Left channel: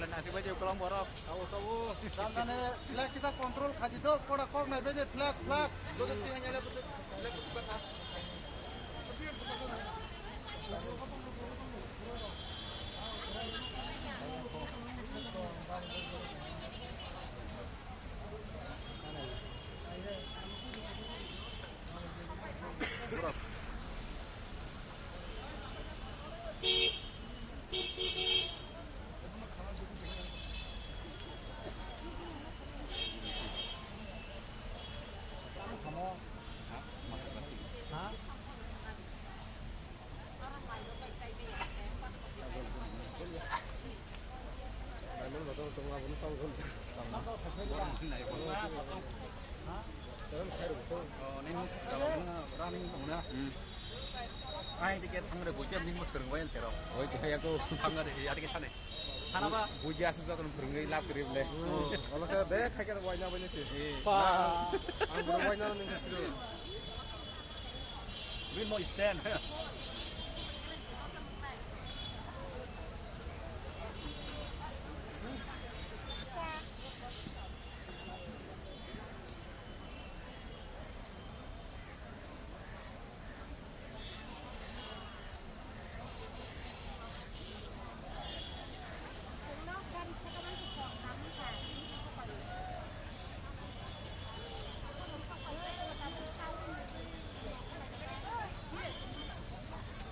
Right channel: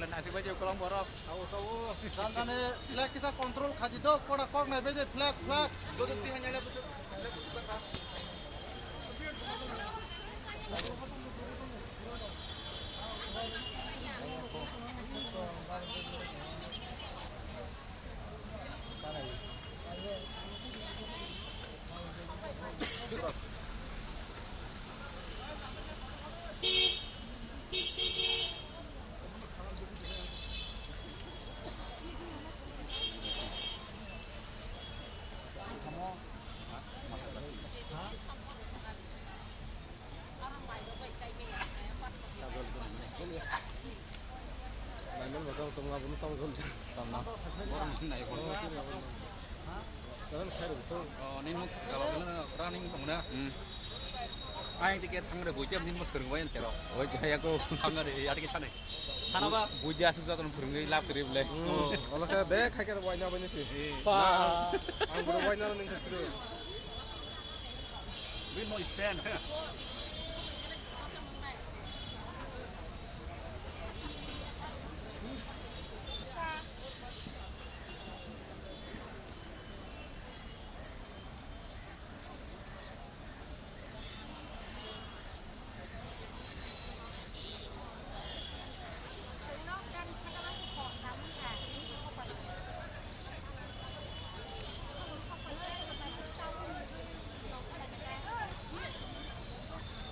lan asik baju kolong borok. Tahu. Sampai flag kita kontrol kaji do, pada kok naik beje flag. Do tentu hanya ada besok. Ini kalau ini running mana? Ai tiket hangre buja min mas sering wain cero. Oh, kayak aku. Hangre di ada kita nih. Hanaga Buja asik sa kon peringai lap trip le. Kalau kayak bek kayak wain apa ini sih? Pa. Ang wain apa nih kasih? we mau stand.